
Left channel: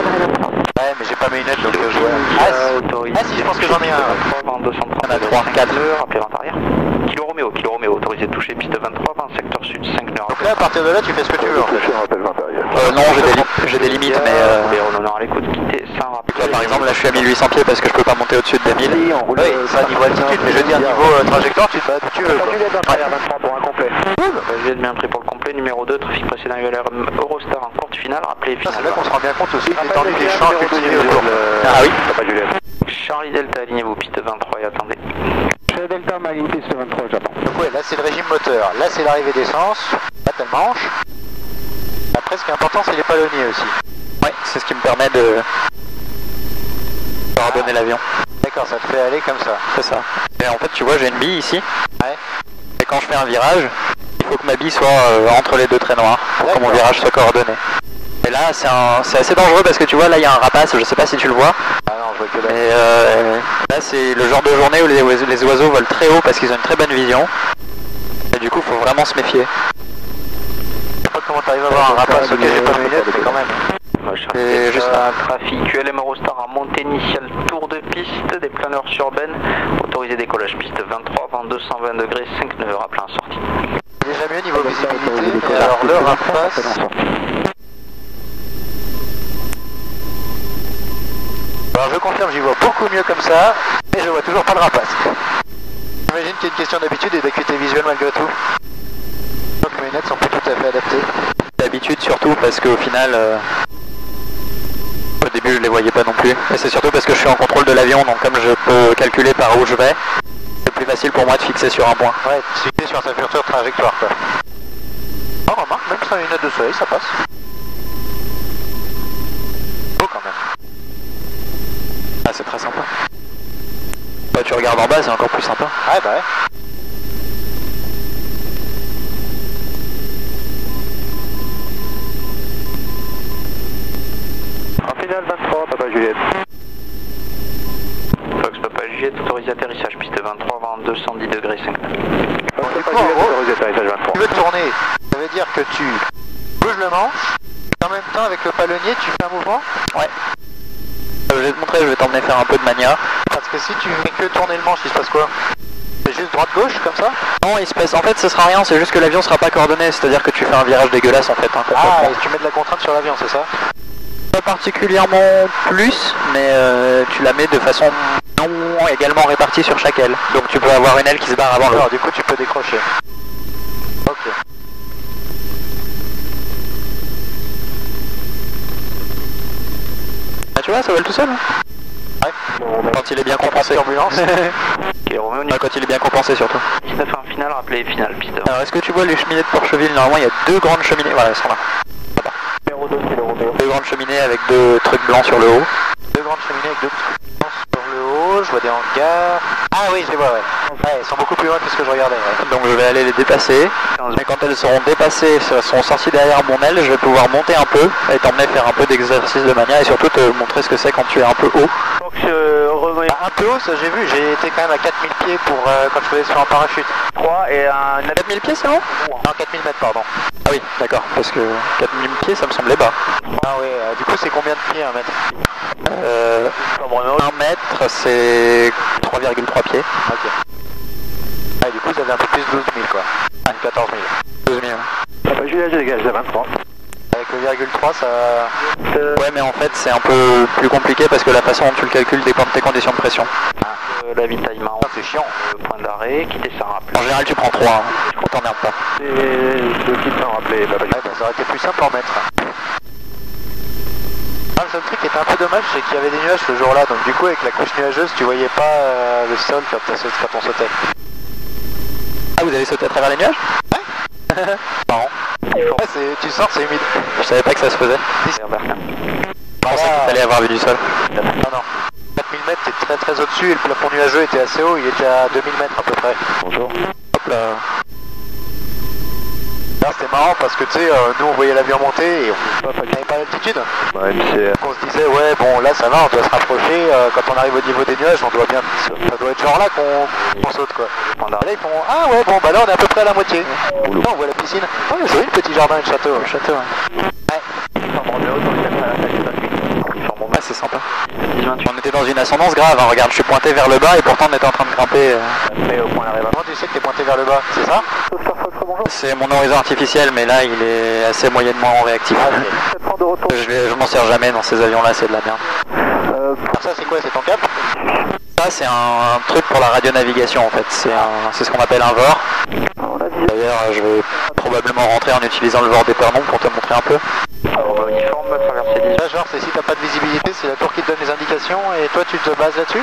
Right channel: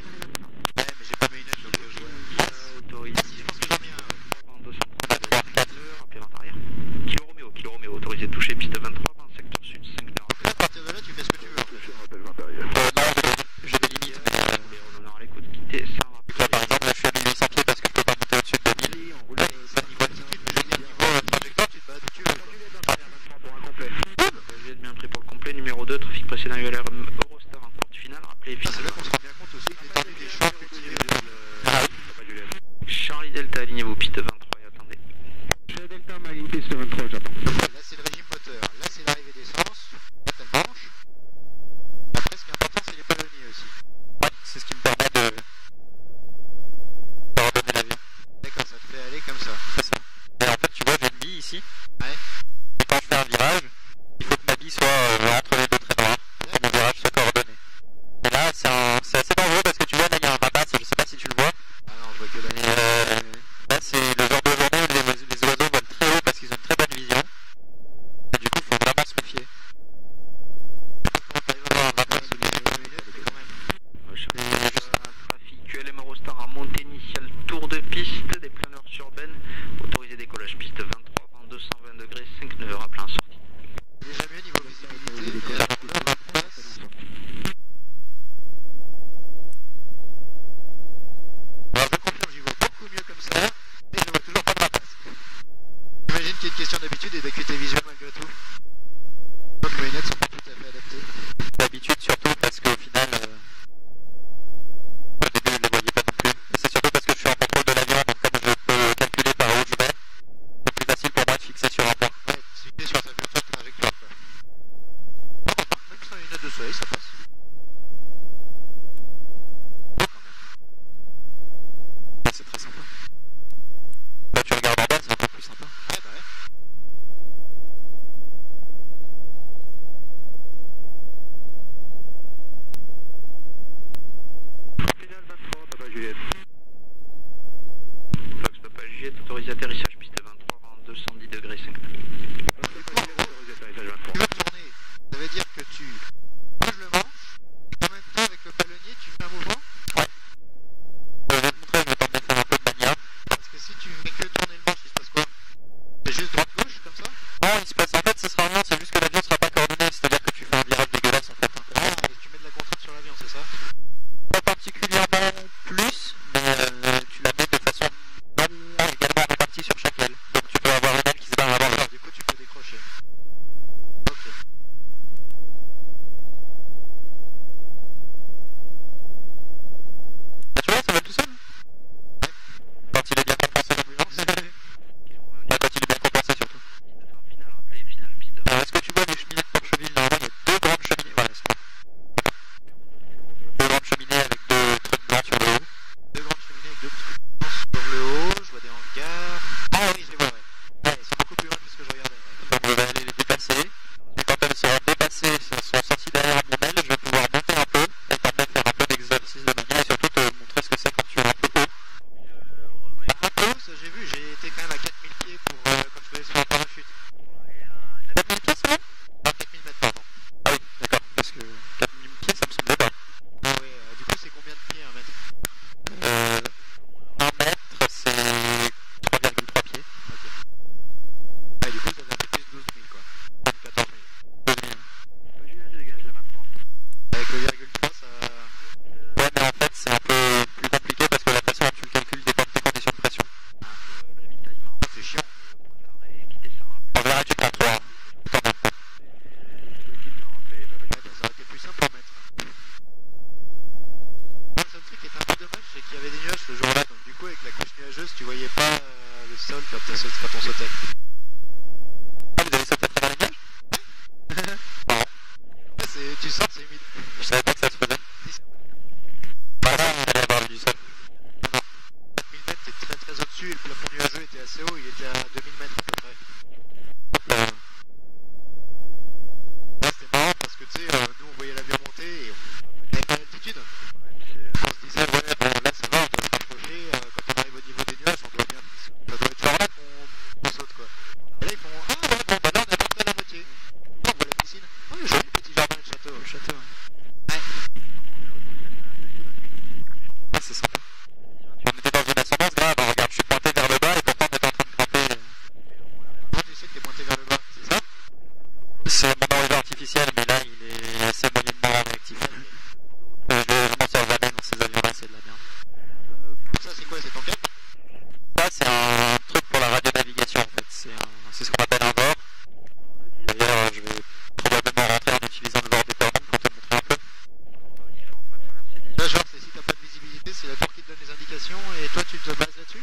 Ouais, mais j'ai pas mes lunettes donc je vois. Ah si, je pense que j'en ai un. Il y en a 3, 4. Rappelez vent arrière. Kilo Romeo, autorisé de toucher piste 23, 20 secteur sud, 5 nœuds. Donc là, à partir de là, tu fais ce que tu veux en fait. Non, j'ai des limites, mais. On aura l'écoute, quitter sans rappel. Là, par exemple, là, je suis à 1800 pieds parce que je peux pas monter au-dessus de 2000. Oui, ça niveau altitude, mais je veux dire niveau trajectoire, tu fais tu veux. Je vais être bien pris pour le complet. Numéro 2, trafic précédent ULR Eurostar en courte finale. Rappelez finale. C'est là qu'on se rend bien compte aussi de l'étendue des champs cultivés autour. Ah oui. Charlie Delta, alignez-vous piste 23 et attendez. Charlie Delta, ma ligne piste 23, j'attends. Donc ouais, là c'est le régime moteur, là c'est l'arrivée d'essence, là t'as le manche. Après ce qui est important c'est les palonniers aussi. Ouais, c'est ce qui me permet de redonner l'avion. D'accord, ça te fait aller comme ça. C'est ça. Et en fait tu vois j'ai une bille ici. Ouais. Et quand je fais un virage, il faut que ma bille soit entre les deux traits noirs pour que mon virage soit coordonné. Et là c'est assez dangereux parce que tu vois là il y a un rapace, je sais pas si tu le vois. Ah non, je vois que là. Mais là c'est le genre de journée où les oiseaux volent très haut parce qu'ils ont une très bonne vision. Et du coup faut vraiment se méfier. Je sais pas comment t'arrives à voir un rapace, ok j'ai pas mes lunettes mais quand même. C'est juste un trafic ULM Eurostar en montée initiale, tour de piste, des planeurs sur Ben, autorisé décollage piste 23, vent 220 degrés, 5 nœuds, rappelé en sortie. Déjà mieux niveau visibilité, et alors le rapace... Alors je confirme, j'y vois beaucoup mieux comme ça, mais je vois toujours pas le rapace. J'imagine qu'il y a une question d'habitude et d'acuité visuelle malgré tout. Donc mes lunettes sont pas tout à fait adaptées. D'habitude surtout parce qu'au final, au début je les voyais pas non plus. Et c'est surtout parce que je suis en contrôle de l'avion, donc comme je peux calculer par où je vais, c'est plus facile pour moi de fixer sur un point. Ouais, fixer sur sa future trajectoire quoi. Oh remarque, même sans lunettes de soleil ça passe. Beau quand même. Ah c'est très sympa. Bah tu regardes en bas, c'est encore plus sympa. Ouais bah ouais. En finale 23, Papa Juliette. Fox Papa Juliette, autorisé atterrissage piste 23, vent 210 degrés, 5 nœuds. Papa Juliette, autorisé atterrissage 23. Tu veux tourner, ça veut dire que tu bouges le manche, et en même temps avec le palonnier tu fais un mouvement. Ouais. Je vais te montrer, je vais t'emmener faire un peu de mania. Parce que si tu fais que tourner le manche, il se passe quoi? C'est juste droite-gauche comme ça? Non, il se passe. En fait, ce sera rien, c'est juste que l'avion sera pas coordonné, c'est-à-dire que tu fais un virage dégueulasse en fait. Hein, ah, et tu mets de la contrainte sur l'avion, c'est ça? Pas particulièrement plus, mais tu la mets de façon non également répartie sur chaque aile. Donc tu peux avoir une aile qui se barre avant l'autre. Alors, du coup, tu peux décrocher. Ok. Ah, tu vois, ça vole tout seul. Hein. Ouais. Quand il est bien compensé. Turbulence. Quand il est bien compensé surtout. 19 en finale, rappelé finale piste 20. Alors est-ce que tu vois les cheminées de Porcheville? Normalement il y a deux grandes cheminées. Voilà, elles sont là. Numéro 2, c'est le Roméo. Deux grandes cheminées avec deux trucs blancs sur le haut. Deux grandes cheminées avec deux trucs blancs sur le haut, je vois des hangars. Ah oui, je les vois, ouais. Ouais, elles sont beaucoup plus loin que ce que je regardais. Ouais. Donc je vais aller les dépasser. Mais quand elles seront dépassées, elles seront sorties derrière mon aile, je vais pouvoir monter un peu et t'emmener faire un peu d'exercice de mania et surtout te montrer ce que c'est quand tu es un peu haut. Donc un peu haut, ça j'ai vu, j'ai été quand même à 4000 pieds pour quand je faisais sur un parachute. 3 et un... 4000 pieds c'est bon? Non, 4000 mètres, pardon. Ah oui, d'accord, parce que 4000 pieds ça me semblait bas. Ah oui, du coup c'est combien de pieds un mètre? 1 mètre c'est 3,3 pieds. Ok. Ah, du coup vous avez un peu plus de 12 000 quoi. 14 000. 12 000. Papa Juliette, je dégage à 23. Avec le 0,3 ça... Ouais mais en fait c'est un peu plus compliqué parce que la façon dont tu le calcules dépend de tes conditions de pression. L'avitaillement, c'est chiant. point d'arrêt, quitter sa rappel. En général tu prends 3, hein. On t'emmerde pas. Et je quitte sans rappeler, Papa Ouais, Juliette. bah, ça aurait été plus simple en mètre. Ah, le seul truc qui était un peu dommage c'est qu'il y avait des nuages ce jour là, donc du coup avec la couche nuageuse tu voyais pas le sol quand on sautait. Ah vous allez sauter à travers les nuages? Ouais. Marrant. Ouais, tu sors, c'est humide. Je savais pas que ça se faisait. Je pensais qu'il fallait avoir vu du sol. Non, non. 4000 mètres, t'es très très au-dessus et le plafond nuageux était assez haut, il était à 2000 mètres à peu près. Bonjour. Hop là. Là c'était marrant parce que tu sais, nous on voyait l'avion monter et on n'avait pas l'altitude. Ouais, On se disait ouais bon là ça va, on doit se rapprocher, quand on arrive au niveau des nuages on doit bien, ça doit être genre là qu'on saute quoi. Et là ils font ah ouais bon bah là on est à peu près à la moitié. Là on voit la piscine, oh joli le petit jardin et le château. Le château, ouais. Ah c'est sympa. On était dans une ascendance grave, hein. Regarde je suis pointé vers le bas et pourtant on était en train de grimper. Comment tu sais que t'es pointé vers le bas, c'est ça? C'est mon horizon artificiel mais là il est assez moyennement réactif. Ah, okay. Je m'en sers jamais dans ces avions là, c'est de la merde. Ça c'est quoi, c'est ton cap? Ça c'est un truc pour la radionavigation en fait, c'est ce qu'on appelle un VOR. D'ailleurs je vais probablement rentrer en utilisant le VOR d'Épernon pour te montrer un peu. Uniforme, traversée 10. Là genre c'est si t'as pas de visibilité, c'est la tour qui te donne les indications et toi tu te bases là-dessus?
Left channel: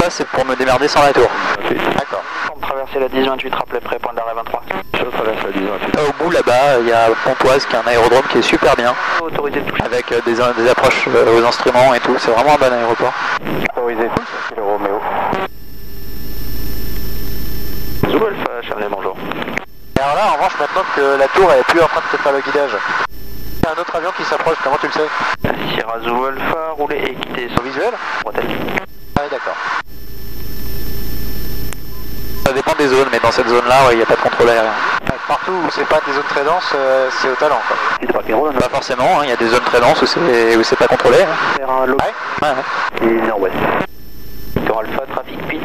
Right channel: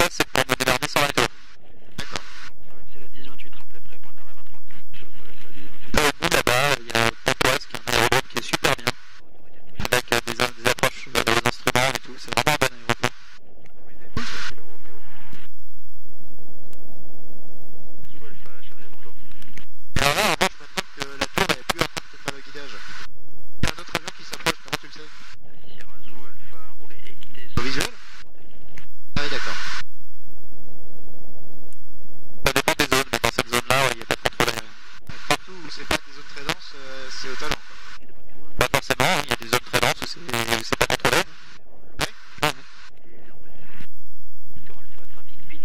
Ça c'est pour me démerder sans la tour. D'accord. Traverser la 10-28, rappelez près, point d'arrêt 23. Je traverse la 10-28. Au bout là-bas, il y a Pontoise qui est un aérodrome qui est super bien. Autorisé de toucher. Avec des approches aux instruments et tout, c'est vraiment un bon aéroport. Autorisé, c'est le Roméo. Zoulf, Chamelet, bonjour. Et alors là en revanche maintenant que la tour elle est plus en train de te faire le guidage. Il y a un autre avion qui s'approche, comment tu le sais? Sierra Zulu Alpha, roulez et quittez son visuel. Bretelle. Ah oui, d'accord. Ça dépend des zones, mais dans cette zone-là, il n'y a pas de contrôle aérien. Partout où c'est pas des zones très denses, c'est au talent quoi. Pas forcément, il y a des zones très denses où c'est pas contrôlé. Et nord-ouest. Victor Alpha, trafic pits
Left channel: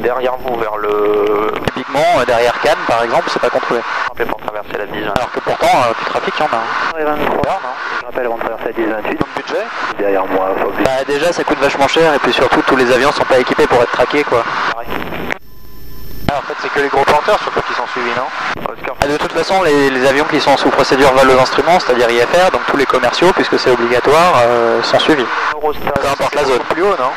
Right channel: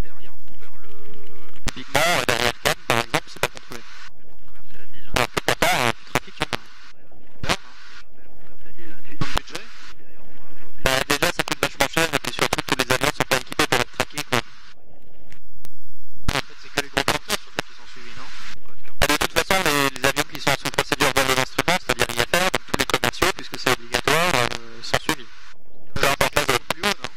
derrière vous vers le... Typiquement, derrière Cannes par exemple, c'est pas contrôlé. Rappelez pour traverser la 10. Alors que pourtant, du trafic, il y en a. 23, je rappelle avant de traverser la 10-28. Budget Derrière moi, faut que... Bah déjà, ça coûte vachement cher et puis surtout, tous les avions sont pas équipés pour être traqués quoi. Ah, en fait, c'est que les gros porteurs surtout qui sont suivis, non? De toute façon, les avions qui sont sous procédure vol aux instruments, c'est-à-dire IFR, donc tous les commerciaux, puisque c'est obligatoire, sont suivis. Peu importe la zone. Plus haut, non?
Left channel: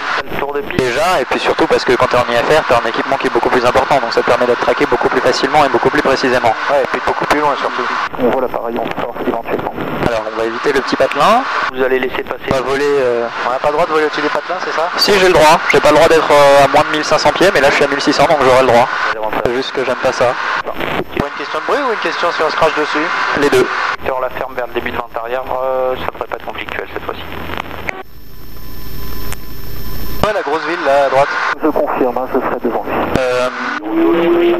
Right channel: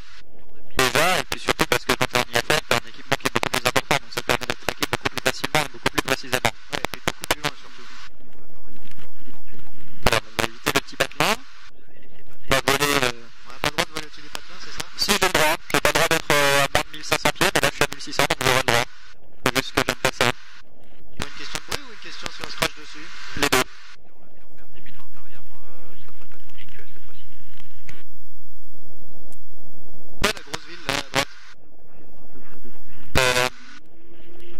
Déjà, et puis surtout parce que quand tu es en IFR, tu as un équipement qui est beaucoup plus important, donc ça te permet d'être traqué beaucoup plus facilement et beaucoup plus précisément. Ouais, et puis beaucoup plus loin surtout. On voit l'appareil en force éventuellement. Alors, on va éviter le petit patelin. Vous allez laisser passer. On va voler... On n'a pas le droit de voler au-dessus des patelins, c'est ça? Si, j'ai le droit. J'ai pas le droit d'être à moins de 1500 pieds, mais là je suis à 1600, donc j'aurai le droit. C'est juste que j'aime pas ça. Pour une question de bruit ou une question si on se crache dessus? Les deux. Sur la ferme vers le début de vente arrière, ça devrait pas être conflictuel cette fois-ci. Ouais, la grosse ville là à droite. Je confirme, ce serait devant.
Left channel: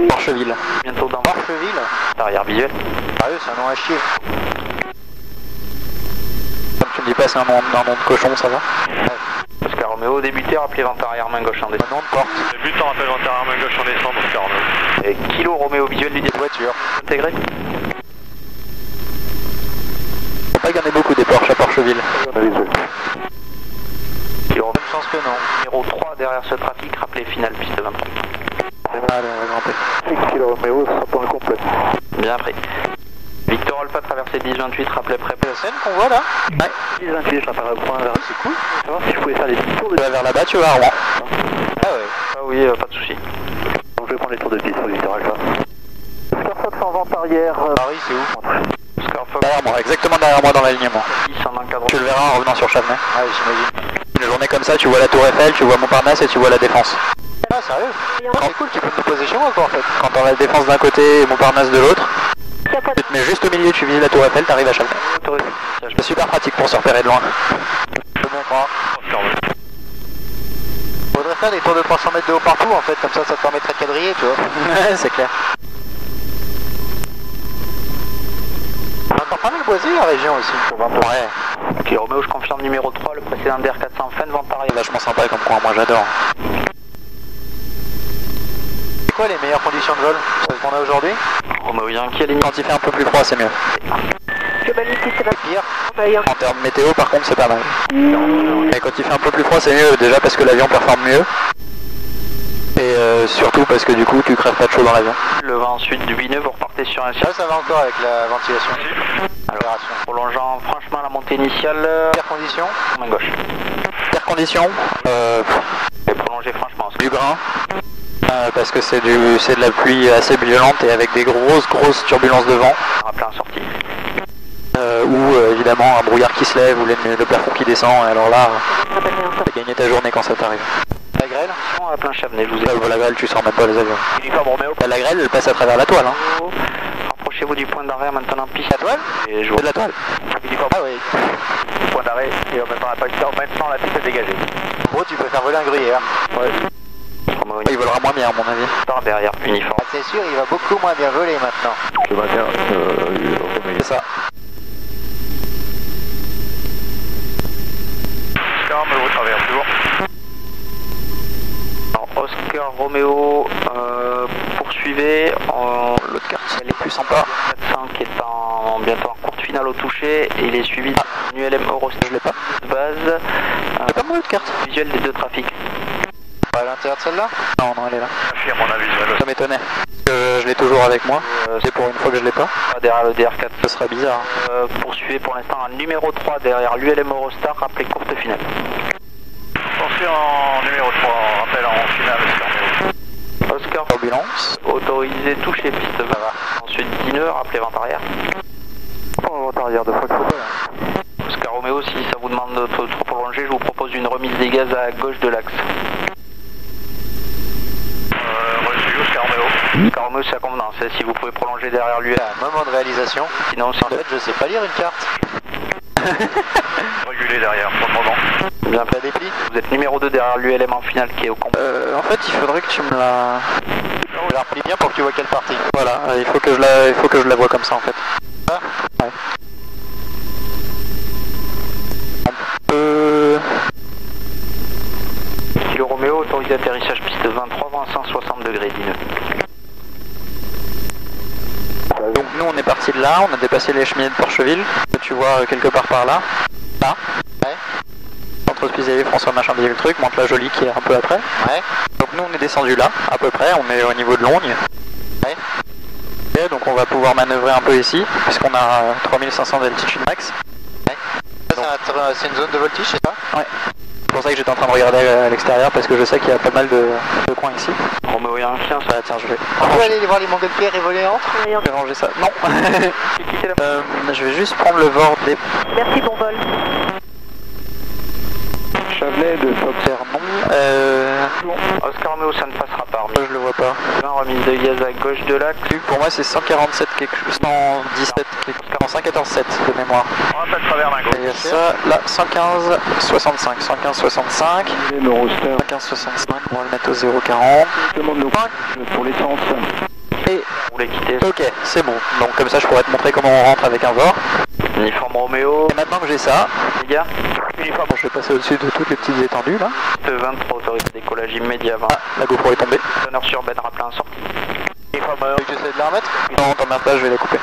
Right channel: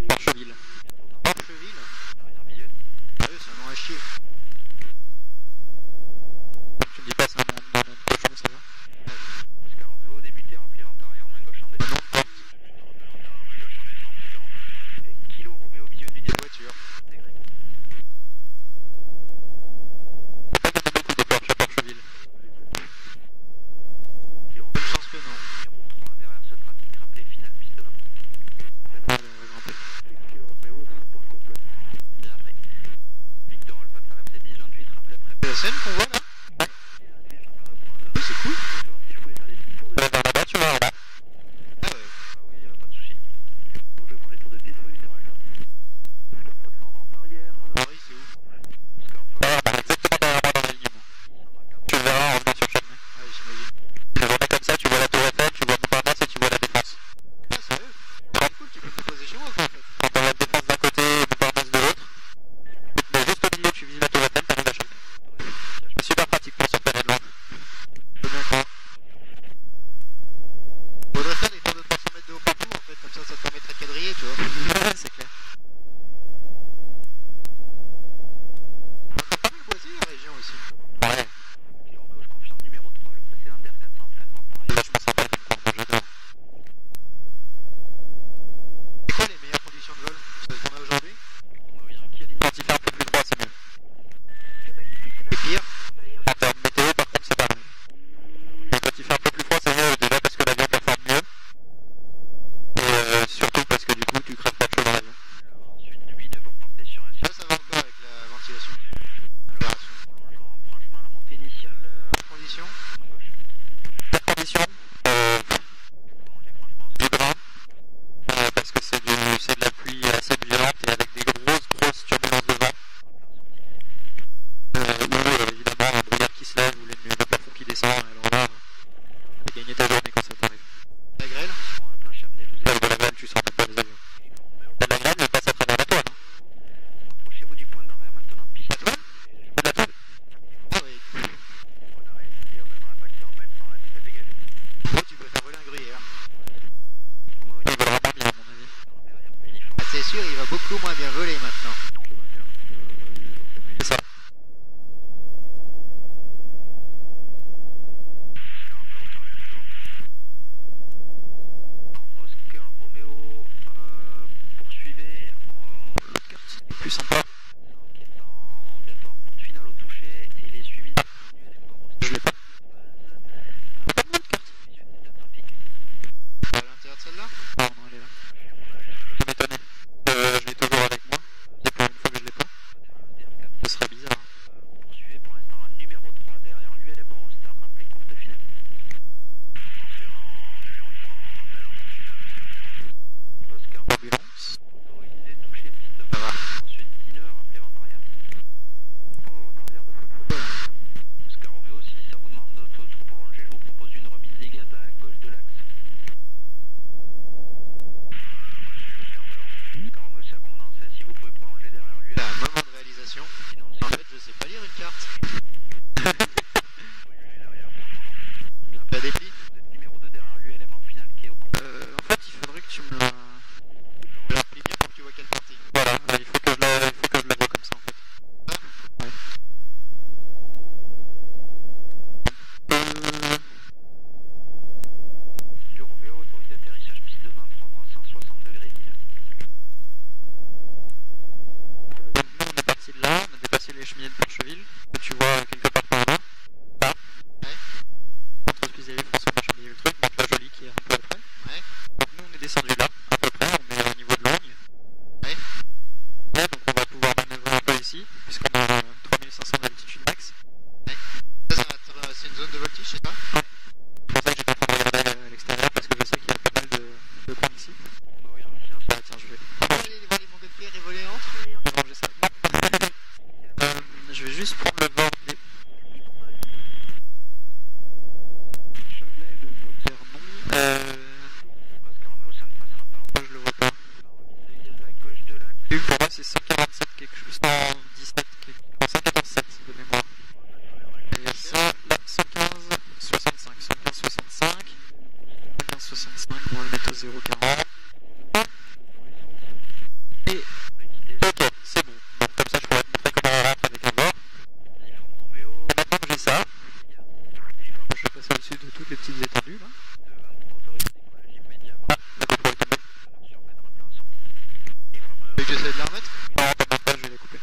Porcheville. Bientôt dans Porcheville. Arrière visuel. Ah oui, c'est un nom à chier. Comme tu me dis pas, c'est un nom de cochon, ça va? Oscar Romeo, débuté, rappelez vente arrière main gauche en descend. Nom de porte. Débutant, rappelle vente arrière main gauche en descend, Oscar Romeo. Et Kilo Romeo visuel du début. Voiture. Intégré. Faut pas qu'il y en ait beaucoup des Porsche à Porcheville. Kilo Romeo. Je pense que non. Numéro 3 derrière ce trafic, rappelez finale piste 23. Allez, on va grimper. Kilo Romeo, ce sera pour le complet. Bien pris. Victor Alpha, traversée 10-28, rappelez prêt. La scène qu'on voit là? Ouais. 10-28, je rappelle au point vers c'est cool. Je vais savoir si je pouvais faire des petits tours de... Tu vas vers là-bas, tu vas à Rouen. Ah ouais. Ah oui, pas de soucis. Donc je vais prendre les tours de piste sur Victor Alpha. Oscar Fox en vente arrière. Paris, c'est où? Oscar Fox. Derrière moi, exactement derrière moi dans l'alignement. 10 en encadrement. Tu le verras en revenant sur Chavenay. Ah oui, j'imagine. Une journée comme ça, tu vois la Tour Eiffel, tu vois Montparnasse et tu vois la Défense. Ah sérieux? C'est cool, tu peux te poser chez moi quoi en fait. Quand t'as la Défense d'un côté et Montparnasse de l'autre, tu te mets juste au milieu, tu vises la Tour Eiffel, t'arrives à Chavenay. C'est super pratique pour se repérer de loin. Je te montre. Faudrait faire des tours de 300 mètres de haut partout en fait, comme ça te permettrait de quadriller, tu vois. Ouais, c'est clair. On a encore pas mal boisé la région aussi. Ouais. Ok, Romeo, je confirme numéro 3, le précédent DR400, fin de vente arrière. Vachement sympa comme coin, moi j'adore. C'est quoi les meilleures conditions de vol? C'est ce qu'on a aujourd'hui? Romeo Yankee à ligne. Quand il fait un peu plus froid, c'est mieux. Pire. En termes météo, par contre, c'est pas mal. Mais quand il fait un peu plus froid, c'est mieux, déjà parce que l'avion performe mieux. Et surtout parce que du coup, tu crèves pas de chaud dans l'avion. Le vent ensuite du bineux, vous repartez sur un Là, ça va encore avec la ventilation. Alors, prolongeant franchement la montée initiale. Pire condition? Main gauche. Pire condition, Et prolonger franchement. du grain. Parce que c'est de la pluie assez violente et avec des grosses turbulences de vent. Rappelez en sortie. Ou évidemment un brouillard qui se lève ou le plafond qui descend. Et alors là, t'as gagné ta journée quand ça t'arrive. La grêle? À plein Chavenay, je vous ai... La grêle, tu sors même pas les avions. Uniforme Romeo. La grêle, elle passe à travers la toile. Hein. Rapprochez-vous du point d'arrêt maintenant piste. La toile? Et je vous... C'est de la toile. Uniforme. Ah oui. Point d'arrêt et en même temps la piste est dégagée. En gros, tu peux faire voler un gruyère. Ouais. Il volera moins bien à mon avis. Par derrière, uniforme. Ah, c'est sûr, il va beaucoup moins bien voler maintenant. Je maintiens. C'est ça. Oscar, me retraverse toujours. Alors, Oscar Romeo, poursuivez. L'autre carte, elle est plus sympa. 400 qui est bientôt en courte finale au toucher et il est suivi d'une ULM Eurostar. Je l'ai pas. Base. J'ai pas mon autre carte. Visuel des deux trafics. À l'intérieur de celle-là? Non, elle est là. À mon avis, Ça m'étonnait. Je l'ai toujours avec moi. C'est pour une fois que je l'ai pas. Derrière le DR4. Ce serait bizarre. Poursuivez pour l'instant un numéro 3 derrière l'ULM Eurostar, rappelez courte finale. Pensez en numéro 3, rappel en finale. Oscar Turbulence. autorisé, toucher piste 20. Ensuite Dineux, rappelez vente arrière. Vente arrière, 2 fois le photo là. Oscar Romeo, si ça vous demande de trop prolonger, je vous propose une remise des gaz à gauche de l'axe. Reçu, Oscar Romeo. Oscar Romeo, c'est à convenance, si vous pouvez prolonger derrière lui. Un moment de réalisation. Sinon, En fait, je sais pas lire une carte. triangulé derrière pour le moment. Bien fait des plis. Vous êtes numéro 2 derrière l'ULM en finale qui est au combat. En fait, il faudrait que tu me la... Je la replie bien pour que tu vois quelle partie. Voilà, il faut que je la vois comme ça en fait. Ah. Ouais. On peut... Kilo Roméo, autorisé atterrissage piste 23, vent à 160 degrés, Dine. Donc nous on est parti de là, on a dépassé les cheminées de Porcheville, que tu vois quelque part par là. Là. Ouais. Centre hospitalier François Machin le truc, monte la Jolie qui est un peu après. Ouais. Donc nous on est descendu là, à peu près, on est au niveau de Logne. Ouais. Ok, donc on va pouvoir manœuvrer un peu ici, puisqu'on a 3500 d'altitude max. Ouais. C'est une zone de voltige, c'est ça? Ouais. C'est pour ça que j'étais en train de regarder à l'extérieur, parce que je sais qu'il y a pas mal de coins ici. Roméo, il y a un chien, ça. Ah tiens, je vais... On peut aller voir les montgolfières et voler entre? Je vais ranger ça. Non. Je vais juste prendre le VOR des... Merci, bon vol. Chavelet de Foxer, non. Oscar Romeo, ça ne passera pas. Je le vois pas. Remise de gaz à gauche de l'axe. Pour moi c'est 147 quelque chose, 117 quelque chose, 114,7 de mémoire. On va pas travers d'un Et il y a ça, là, 115, 65, 115, 65, 115, 65, on va le mettre au 0,40. Demande le pour l'essence. Et, Vous voulez quitter. ok, c'est bon. Donc comme ça je pourrais te montrer comment on rentre avec un VOR. Uniforme Roméo. Et maintenant que j'ai ça, Les gars. uniforme, je vais passer au-dessus de toutes les petites étendues là. Piste 23, autorisé décollage immédiat. Ah, la GoPro est tombée. Honneur sur Ben, rappelez un sortie. Tu essaies de la remettre? Non, t'en as pas, je vais la couper.